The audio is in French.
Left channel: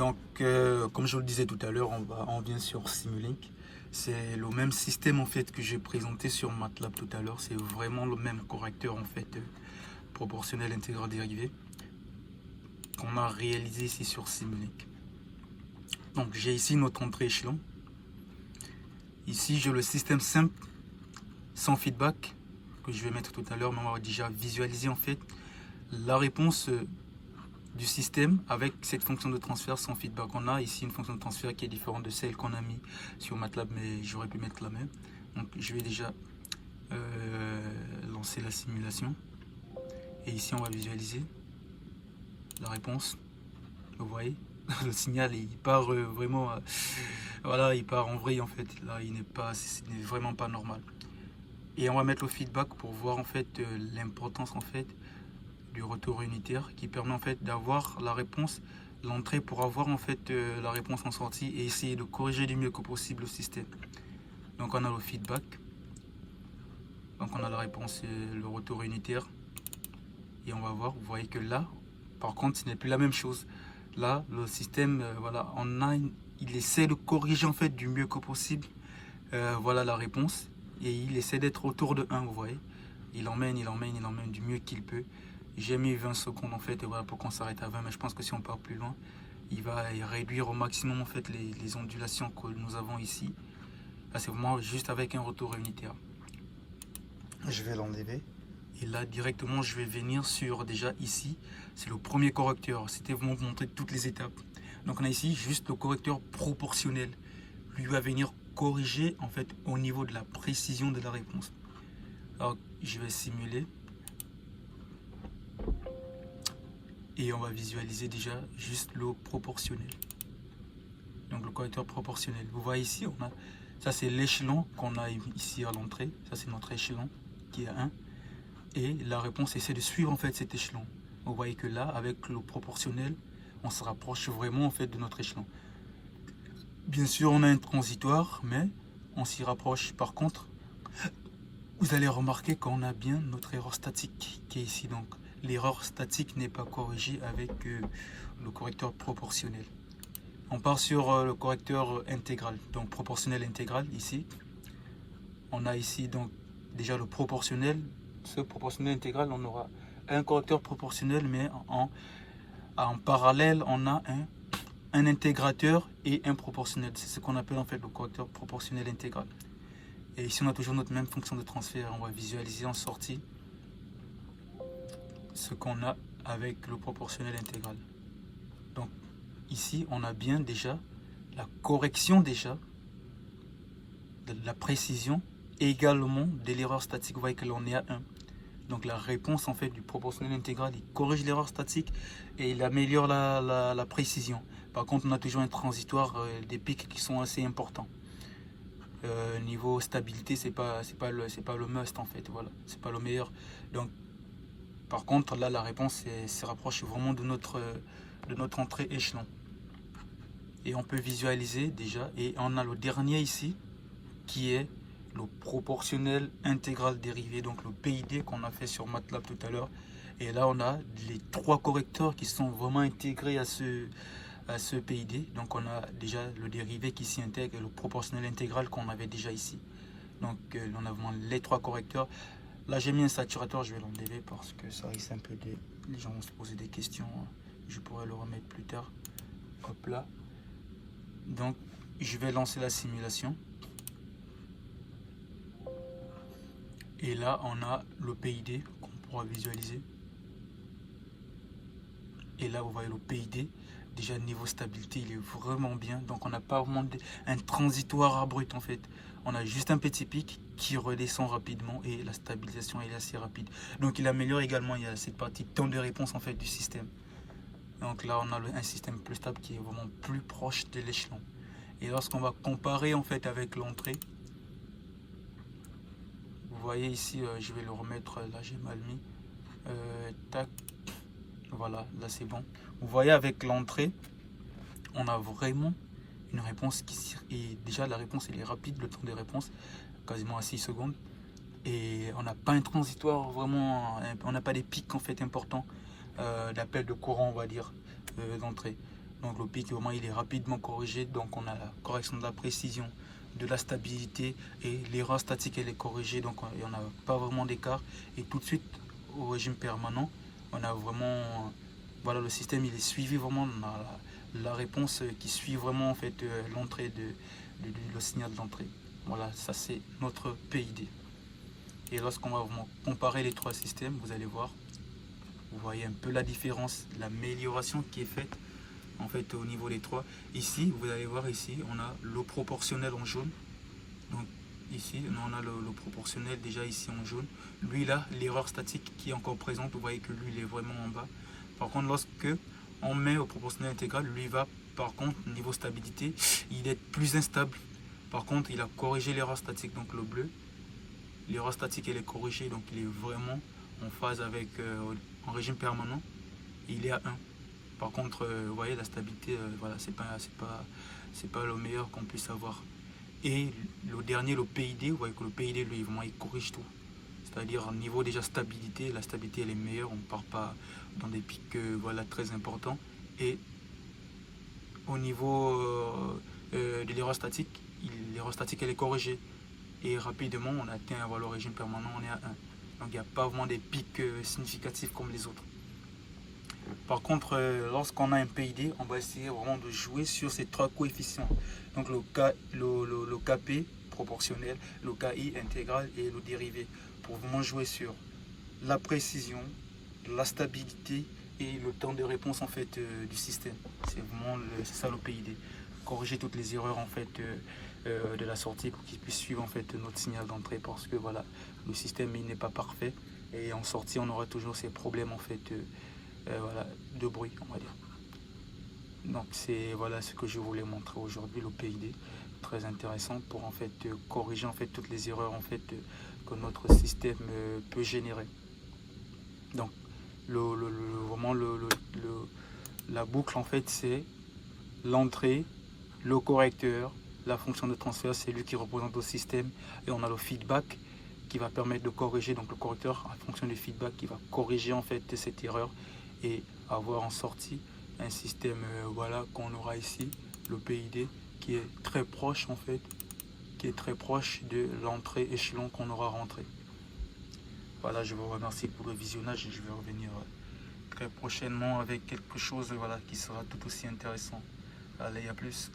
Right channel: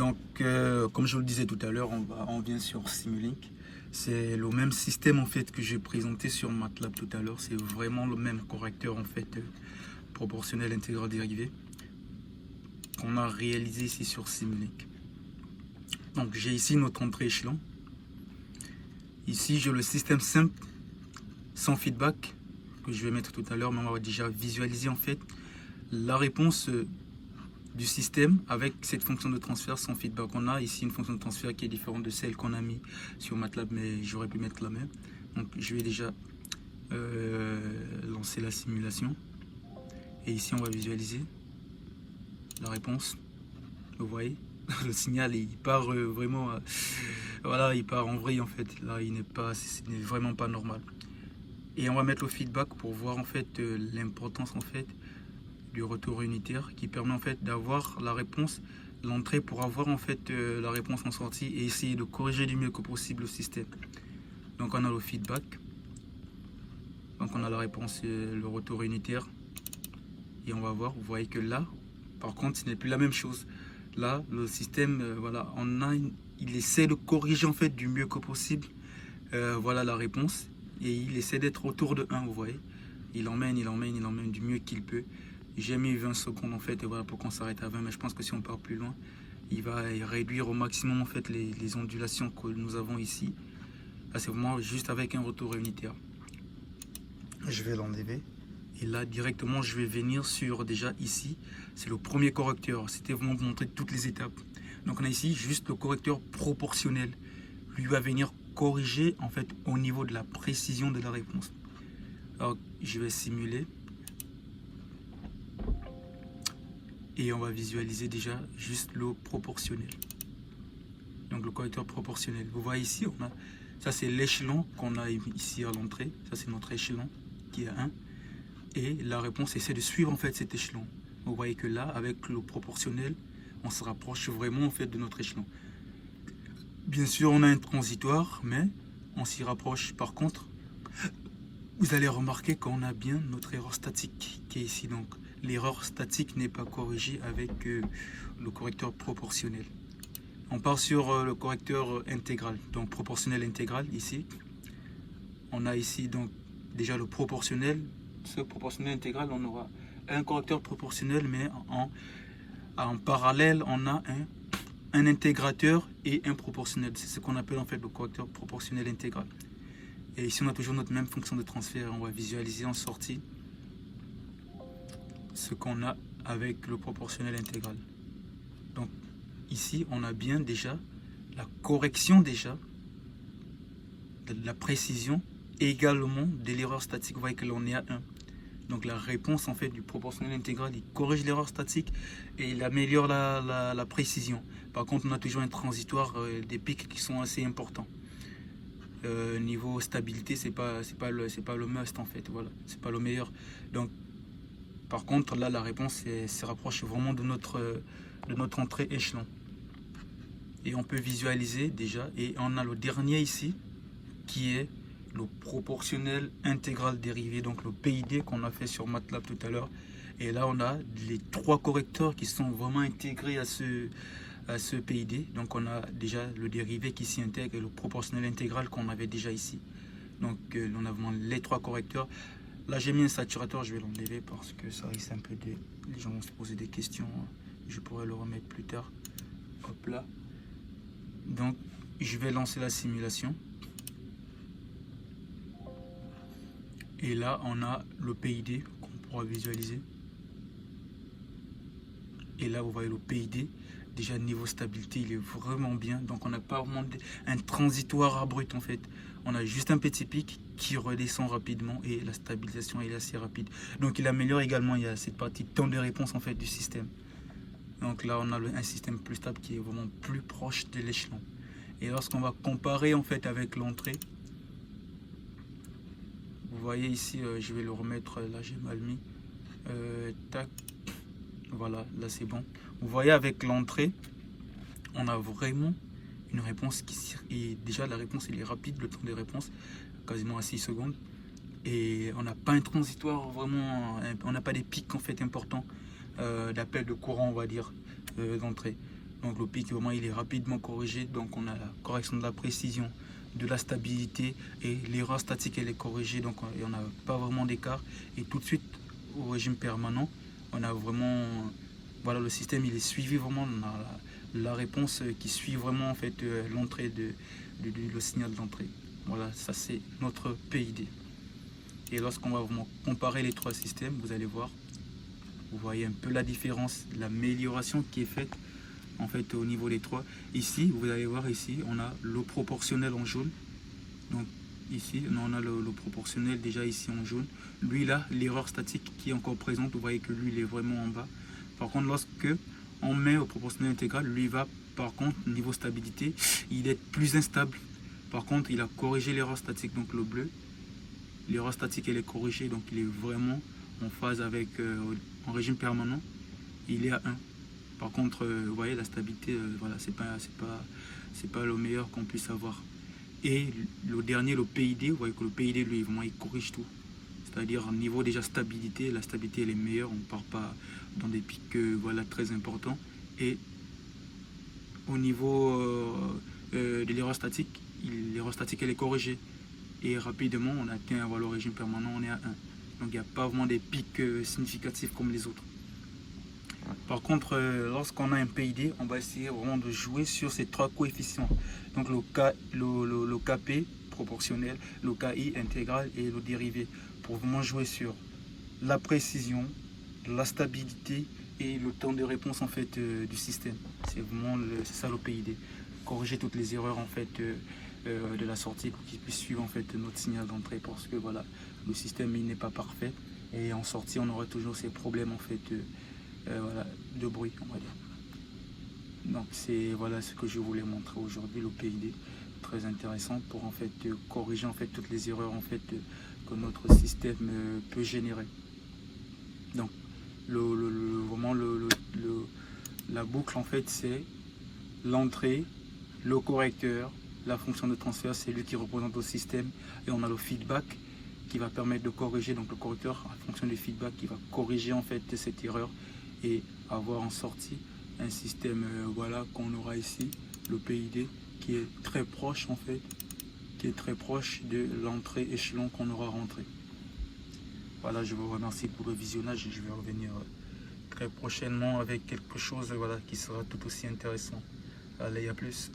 Donc, comme je vous le disais tout à l'heure, on vient sur Simulink. C'est le même système en fait que j'ai présenté sur MATLAB tout à l'heure. C'est vraiment le même correcteur en fait proportionnel intégral dérivé qu'on a réalisé ici sur Simulink. Donc, j'ai ici notre entrée échelon. Ici, j'ai le système simple sans feedback que je vais mettre tout à l'heure, mais on va déjà visualiser en fait la réponse du système avec cette fonction de transfert sans feedback. On a ici une fonction de transfert qui est différente de celle qu'on a mis sur MATLAB, mais j'aurais pu mettre la même. Donc je vais déjà lancer la simulation. Et ici on va visualiser la réponse. Vous voyez, le signal il part vraiment, voilà, il part en vrille en fait. Là il n'est vraiment pas normal. Et on va mettre le feedback pour voir en fait l'importance en fait du retour unitaire qui permet en fait d'avoir la réponse, l'entrée pour avoir en fait la réponse en sortie et essayer de corriger du mieux que possible le système. Donc on a le feedback, donc on a la réponse, le retour unitaire et on va voir, vous voyez que là par contre ce n'est plus la même chose. Là le système, voilà, il essaie de corriger en fait du mieux que possible, voilà la réponse et il essaie d'être autour de 1, vous voyez, il emmène du mieux qu'il peut. J'ai mis 20 secondes en fait voilà, pour qu'on s'arrête à 20, mais je pense que si on part plus loin, il va réduire au maximum en fait les ondulations que nous avons ici. Là c'est vraiment juste avec un retour unitaire. Je vais l'enlever et là directement je vais venir sur déjà ici, c'est le premier correcteur, c'était vraiment pour montrer toutes les étapes. Donc on a ici juste le correcteur proportionnel, lui va venir corriger en fait au niveau de la précision de la réponse. Alors je vais simuler. Et on va visualiser déjà juste le proportionnel. Donc le correcteur proportionnel. Vous voyez ici, ça c'est l'échelon qu'on a ici à l'entrée. Ça c'est notre échelon qui est 1. Et la réponse essaie de suivre en fait cet échelon. Vous voyez que là, avec le proportionnel, on se rapproche vraiment en fait de notre échelon. Bien sûr, on a un transitoire, mais on s'y rapproche. Par contre, vous allez remarquer qu'on a bien notre erreur statique qui est ici. Donc l'erreur statique n'est pas corrigée avec le correcteur proportionnel. On part sur le correcteur intégral, donc proportionnel intégral ici. On a ici donc déjà le proportionnel. Ce proportionnel intégral, on aura un correcteur proportionnel, mais en parallèle, on a un intégrateur et un proportionnel. C'est ce qu'on appelle en fait le correcteur proportionnel intégral. Et ici, on a toujours notre même fonction de transfert. On va visualiser en sortie ce qu'on a avec le proportionnel intégral. Donc ici on a bien déjà la correction déjà de la précision et également de l'erreur statique. Vous voyez que l'on est à 1. Donc la réponse en fait du proportionnel intégral, il corrige l'erreur statique et il améliore la précision. Par contre on a toujours un transitoire, des pics qui sont assez importants. Niveau stabilité c'est pas le must en fait, voilà, c'est pas le meilleur. Donc par contre, là, la réponse se rapproche vraiment de notre entrée échelon. Et on peut visualiser déjà. Et on a le dernier ici, qui est le proportionnel intégral dérivé, donc le PID qu'on a fait sur MATLAB tout à l'heure. Et là, on a les 3 correcteurs qui sont vraiment intégrés à ce PID. Donc, on a déjà le dérivé qui s'y intègre et le proportionnel intégral qu'on avait déjà ici. Donc, on a vraiment les 3 correcteurs. Là j'ai mis un saturateur, je vais l'enlever parce que ça risque un peu de... Les gens vont se poser des questions, je pourrais le remettre plus tard. Hop là. Donc je vais lancer la simulation. Et là on a le PID qu'on pourra visualiser. Et là vous voyez le PID, déjà niveau stabilité il est vraiment bien. Donc on n'a pas vraiment un transitoire abrupt en fait. On a juste un petit pic qui redescend rapidement et la stabilisation est assez rapide. Donc il améliore également, il y a cette partie temps de réponse en fait du système. Donc là on a un système plus stable qui est vraiment plus proche de l'échelon. Et lorsqu'on va comparer en fait avec l'entrée, vous voyez ici, je vais le remettre, là j'ai mal mis, tac, voilà, là c'est bon. Vous voyez avec l'entrée, on a vraiment une réponse qui est déjà la réponse elle est rapide, le temps de réponse quasiment à 6 secondes et on n'a pas un transitoire vraiment, on n'a pas des pics en fait importants d'appel de courant on va dire d'entrée. Donc le pic vraiment il est rapidement corrigé, donc on a la correction de la précision, de la stabilité, et l'erreur statique elle est corrigée, donc il n'y en a pas vraiment d'écart. Et tout de suite au régime permanent, on a vraiment, voilà, le système il est suivi vraiment, on a la réponse qui suit vraiment en fait l'entrée le signal d'entrée. Voilà, ça c'est notre PID. Et lorsqu'on va vraiment comparer les trois systèmes, vous allez voir, vous voyez un peu la différence, l'amélioration qui est faite en fait au niveau des trois. Ici, vous allez voir ici, on a le proportionnel en jaune. Donc ici, on a le proportionnel déjà ici en jaune. Lui là, l'erreur statique qui est encore présente, vous voyez que lui il est vraiment en bas. Par contre, lorsque on met au proportionnel intégral, lui va, par contre, niveau stabilité, il est plus instable. Par contre, il a corrigé l'erreur statique, donc le bleu. L'erreur statique elle est corrigée, donc il est vraiment en phase avec, en régime permanent, il est à 1. Par contre, vous voyez, la stabilité, voilà, c'est pas le meilleur qu'on puisse avoir. Et le dernier, le PID, vous voyez que le PID, lui, vraiment, il corrige tout. C'est-à-dire, au niveau déjà stabilité, la stabilité, elle est meilleure, on ne part pas dans des pics voilà, très importants. Et au niveau de l'erreur statique, elle est corrigée. Et rapidement, on atteint le régime permanent, on est à 1. Donc, il n'y a pas vraiment des pics significatifs comme les autres. Par contre, lorsqu'on a un PID, on va essayer vraiment de jouer sur ces trois coefficients. Donc le KP proportionnel, le KI intégral et le dérivé. Pour vraiment jouer sur la précision, la stabilité et le temps de réponse en fait du système. C'est vraiment ça le PID. Corriger toutes les erreurs en fait de la sortie pour qu'il puisse suivre en fait notre signal d'entrée, parce que voilà, le système il n'est pas parfait et en sortie on aura toujours ces problèmes en fait voilà, de bruit, on va dire. Donc c'est voilà ce que je voulais montrer aujourd'hui, le PID, très intéressant pour en fait corriger en fait toutes les erreurs en fait que notre système peut générer. Donc vraiment la boucle en fait c'est l'entrée, le correcteur, la fonction de transfert, c'est lui qui représente le système, et on a le feedback qui va permettre de corriger, donc le correcteur en fonction du feedback qui va corriger en fait cette erreur et avoir en sortie un système voilà qu'on aura ici, le PID, qui est très proche en fait, qui est très proche de l'entrée échelon qu'on aura rentré. Voilà, je vous remercie pour le visionnage et je vais revenir très prochainement avec quelque chose voilà, qui sera tout aussi intéressant. Allez, à plus.